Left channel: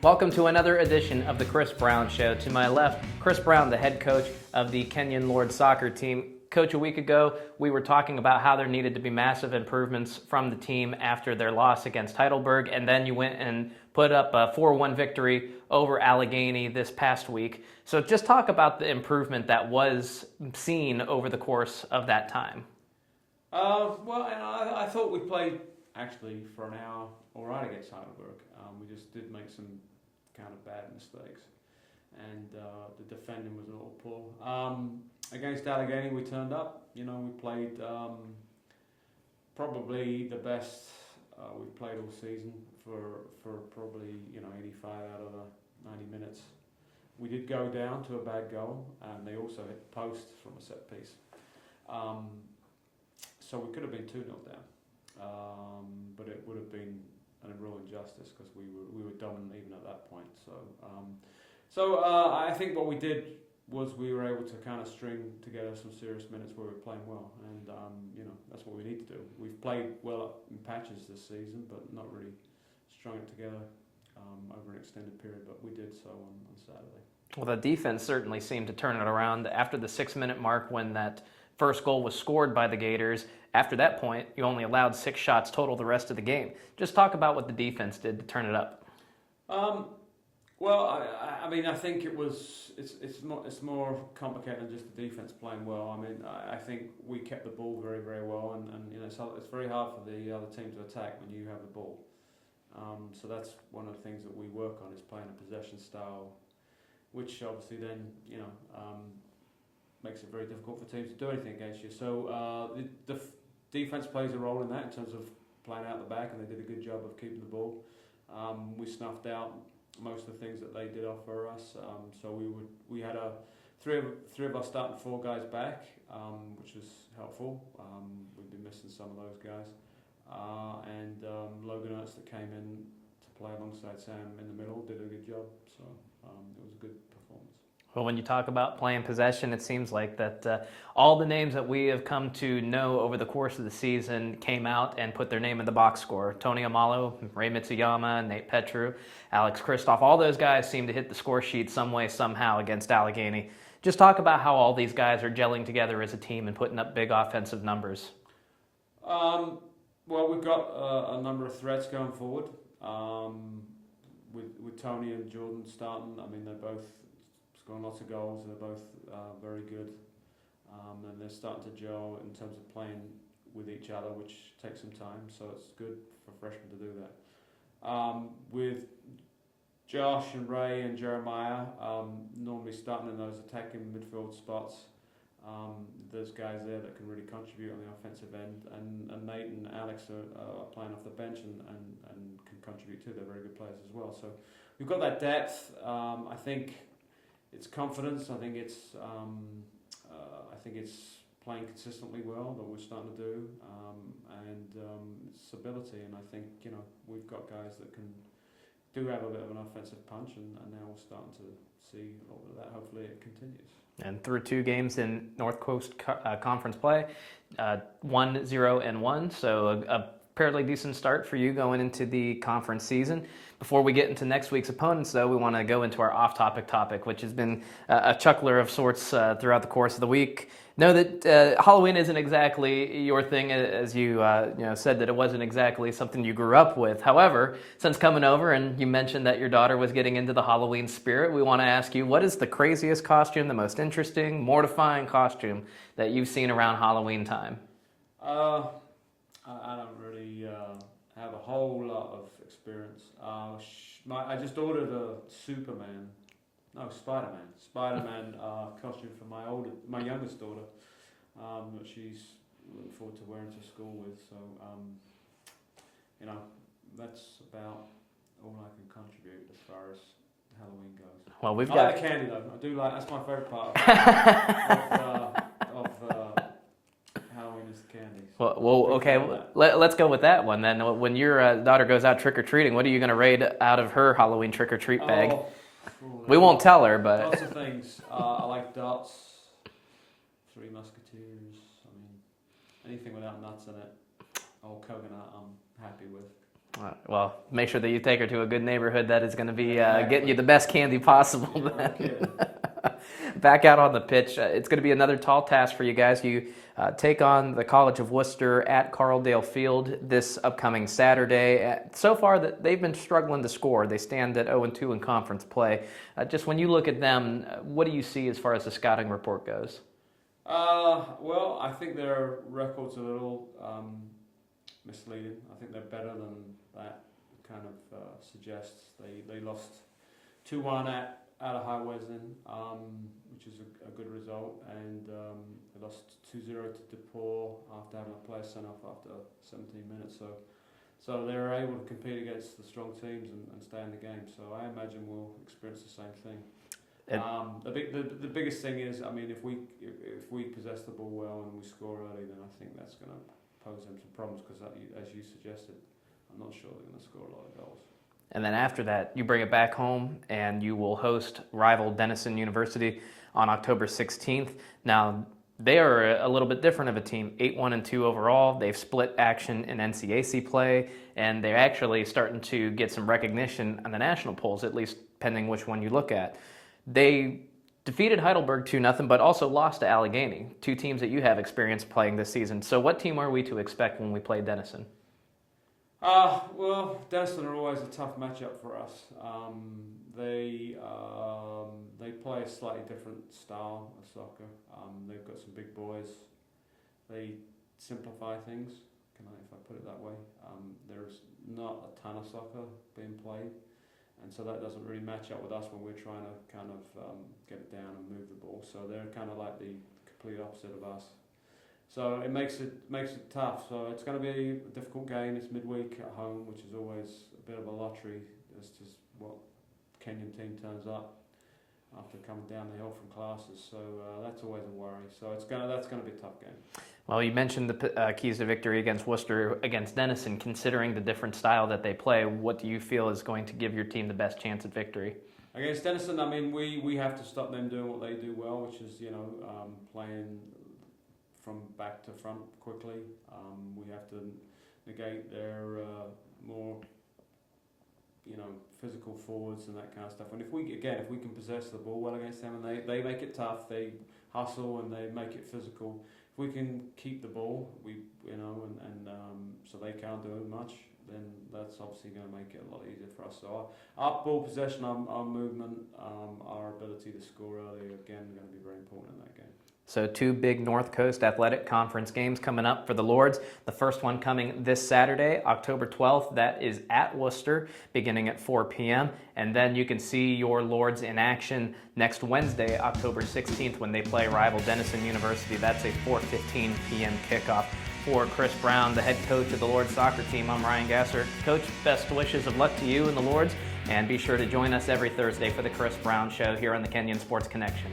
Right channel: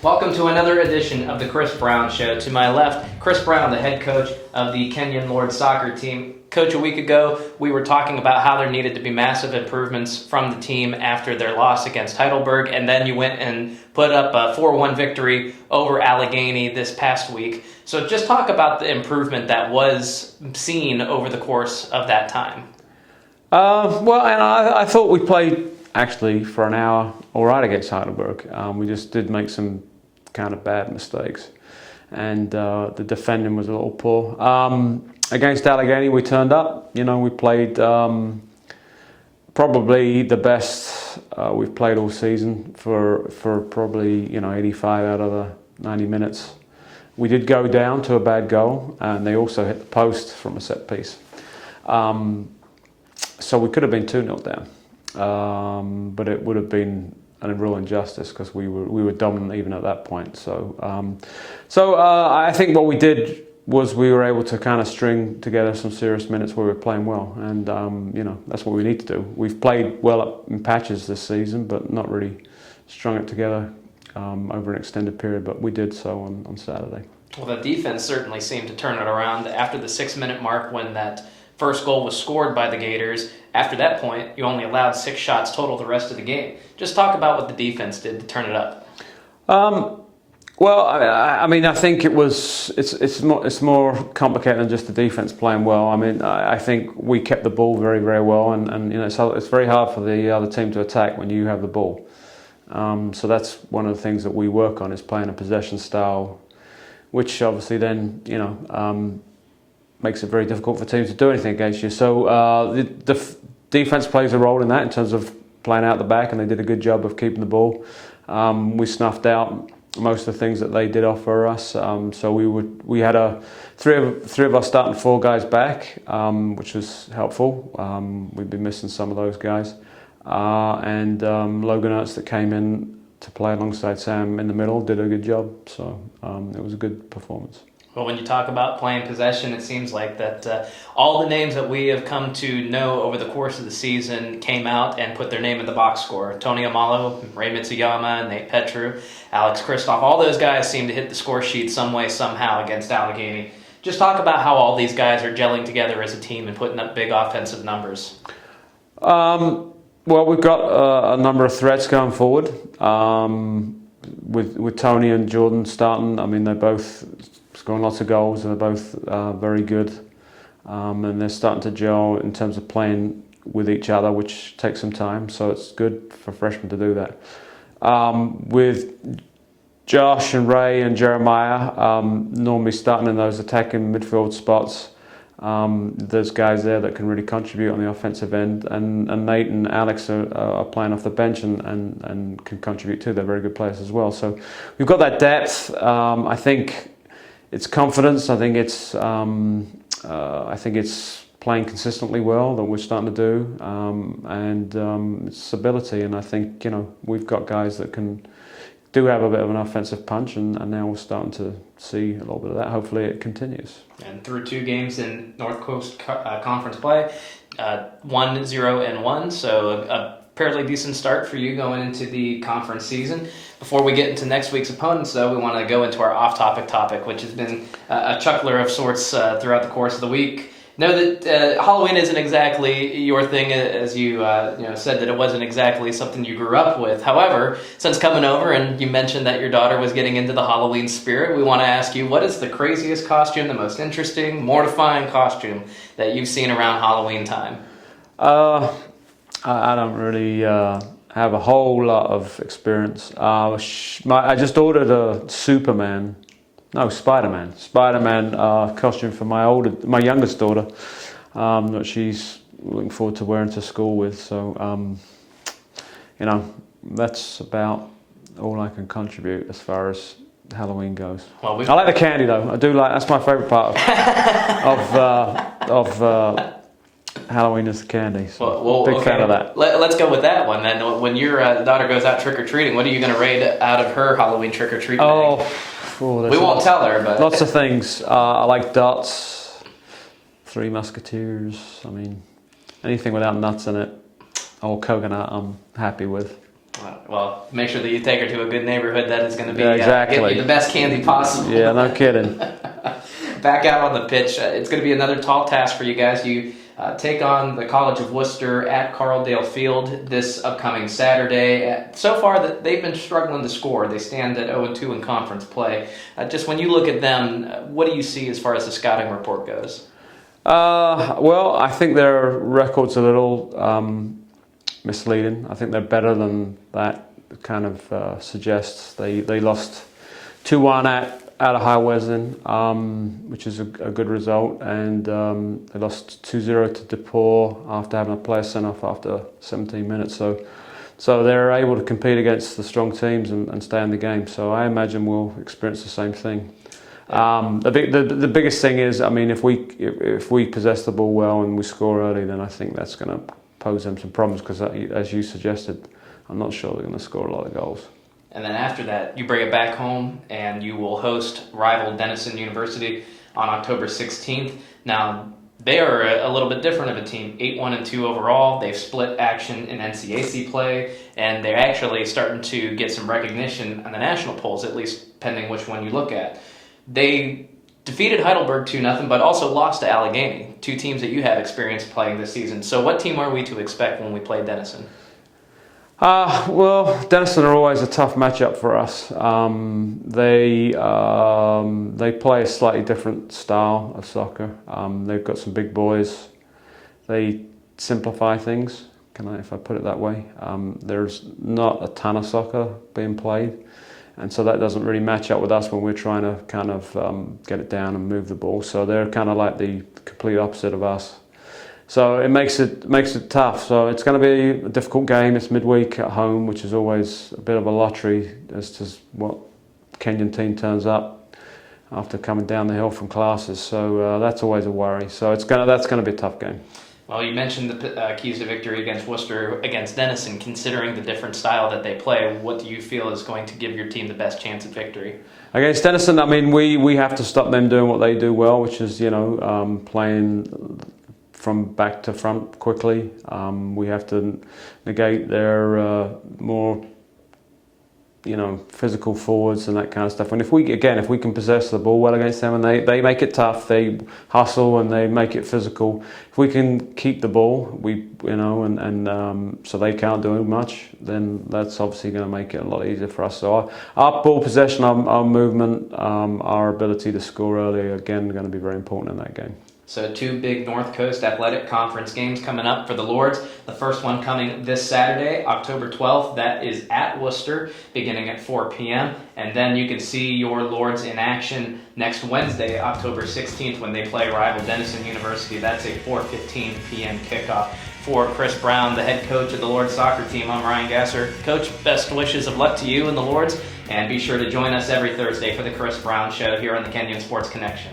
Welcome to another edition of the Chris Brown Show. To my left, Chris Brown, the head coach of the Kenyon Lord soccer team. Coach, a week ago, we were talking about how there needed to be massive improvements from the team after their loss against Heidelberg, and then you went and put up a 4-1 victory over Allegheny this past week. So just talk about the improvement that was seen over the course of that time. I thought we played actually for an hour all right against Heidelberg. We just did make some kind of bad mistakes, and the defending was a little poor. Against Allegheny, we turned up. We played probably the best we've played all season for probably 85 out of the 90 minutes. We did go down to a bad goal, and they also hit the post from a set piece. So we could have been 2-0 down, but it would have been a real injustice because we were dominant even at that point. So I think what we did was we were able to kind of string together some serious minutes where we were playing well, and that's what we need to do. We've played well in patches this season, but not really strung it together over an extended period. But we did so on Saturday. Well, the defense certainly seemed to turn it around after the 6-minute mark when that first goal was scored by the Gators. After that point, you only allowed 6 shots total the rest of the game. Just talk about what the defense did to turn it up. I think it's more complicated than just the defense playing well. I think we kept the ball very, very well, and it's very hard for the other team to attack when you have the ball. So that's one of the things that we work on, is playing a possession style, which obviously then makes it very difficult for teams to do anything against you. So the defense plays a role in that in terms of playing out the back, and they did a good job of keeping the ball. We snuffed out most of the things that they did offer us. So we had three of our starting 4 guys back, which was helpful. We've been missing some of those guys, and Logan Ertz that came in to play alongside Sam in the middle did a good job. So it was a good performance. Well, when you talk about playing possession, it seems like that all the names that we have come to know over the course of the season came out and put their name in the box score. Tony Amalo, Ray Mitsuyama, Nate Petru, Alex Kristoff, all those guys seem to hit the score sheet some way, somehow against Allegheny. Just talk about how all these guys are gelling together as a team and putting up big offensive numbers. Well, we've got a number of threats going forward. With Tony and Jordan starting, they're both scoring lots of goals, and they're both very good, and they're starting to gel in terms of playing with each other, which takes some time, so it's good for freshmen to do that. With Josh and Ray and Jeremiah normally starting in those attacking midfield spots, there's guys there that can really contribute on the offensive end, and Nate and Alex are playing off the bench and can contribute too. They're very good players as well, so we've got that depth. I think it's confidence. I think it's playing consistently well that we're starting to do, and it's ability. And I think we've got guys that do have a bit of an offensive punch, and now we're starting to see a little bit of that. Hopefully, it continues. And through 2 games in North Coast Conference play, 1-0-1, so a fairly decent start for you going into the conference season. Before we get into next week's opponents, though, we want to go into our off-topic topic, which has been a chuckler of sorts throughout the course of the week. Know that Halloween isn't exactly your thing, as you said that it wasn't exactly something you grew up with. However, since coming over and you mentioned that your daughter was getting into the Halloween spirit, we want to ask you, what is the craziest costume, the most interesting, mortifying costume that you've seen around Halloween time? I don't really have a whole lot of experience. I just ordered a Spider-Man costume for my youngest daughter, that she's looking forward to wearing to school with. So, that's about all I can contribute as far as Halloween goes. Well, I like the candy though. I do like. That's my favourite part of Halloween is the candy. So big fan of that. Let's go with that one then. When your daughter goes out trick-or-treating, what are you going to raid out of her Halloween trick-or-treat bag? We won't tell her, but... Lots of things. I like dots, 3 Musketeers. Anything without nuts in it, or coconut, I'm happy with. Well, make sure that you take her to a good neighborhood that is going to be exactly. get you the best candy possible. Yeah, no kidding. Back out on the pitch, it's going to be another tall task for you guys. You take on the College of Wooster at Carldale Field this upcoming Saturday. So far, they've been struggling to score. They stand at 0-2 in conference play. Just when you look at them, what do you see as far as the scouting report goes? Well, I think their record's a little misleading. I think they're better than that kind of suggests. They lost 2-1 at High Wesley, which is a good result, and they lost 2-0 to DePaul after having a player sent off after 17 minutes. So they're able to compete against the strong teams and stay in the game. So I imagine we'll experience the same thing. The biggest thing is, I mean, if we possess the ball well and we score early, then I think that's going to pose them some problems because, as you suggested, I'm not sure they're going to score a lot of goals. And then after that, you bring it back home and you will host rival Denison University on October 16th. Now, they are a little bit different of a team, 8-1-2 overall. They've split action in NCAC play, and they're actually starting to get some recognition on the national polls, at least pending which one you look at. They defeated Heidelberg 2-0, but also lost to Allegheny, two teams that you have experience playing this season. So what team are we to expect when we play Denison? Well, Denison are always a tough matchup for us. They play a slightly different style of soccer. They've got some big boys. They simplify things, if I put it that way. There's not a ton of soccer being played, and so that doesn't really match up with us when we're trying to kind of get it down and move the ball. So they're kind of like the complete opposite of us. So it makes it tough. So it's going to be a difficult game. It's midweek at home, which is always a bit of a lottery as to what Kenyon team turns up after coming down the hill from classes. So that's always a worry. So that's going to be a tough game. Well, you mentioned the keys to victory against Worcester, against Denison. Considering the different style that they play, what do you feel is going to give your team the best chance at victory? Against Denison, I mean, we have to stop them doing what they do well, which is playing from back to front quickly. We have to negate their more physical forwards and that kind of stuff. And if we can possess the ball well against them and they make it tough, they hustle and they make it physical. If we can keep the ball, so they can't do much, then that's obviously going to make it a lot easier for us. So our ball possession, our movement, our ability to score early, again, going to be very important in that game. So two big North Coast Athletic Conference games coming up for the Lords. The first one coming this Saturday, October 12th. That is at Worcester, beginning at 4 p.m. And then you can see your Lords in action next Wednesday, October 16th, when they play rival Denison University. That's a 4:15 p.m. kickoff. For Chris Brown, the head coach of the Lords soccer team, I'm Ryan Gasser. Coach, best wishes of luck to you and the Lords. And be sure to join us every Thursday for the Chris Brown Show here on the Kenyon Sports Connection.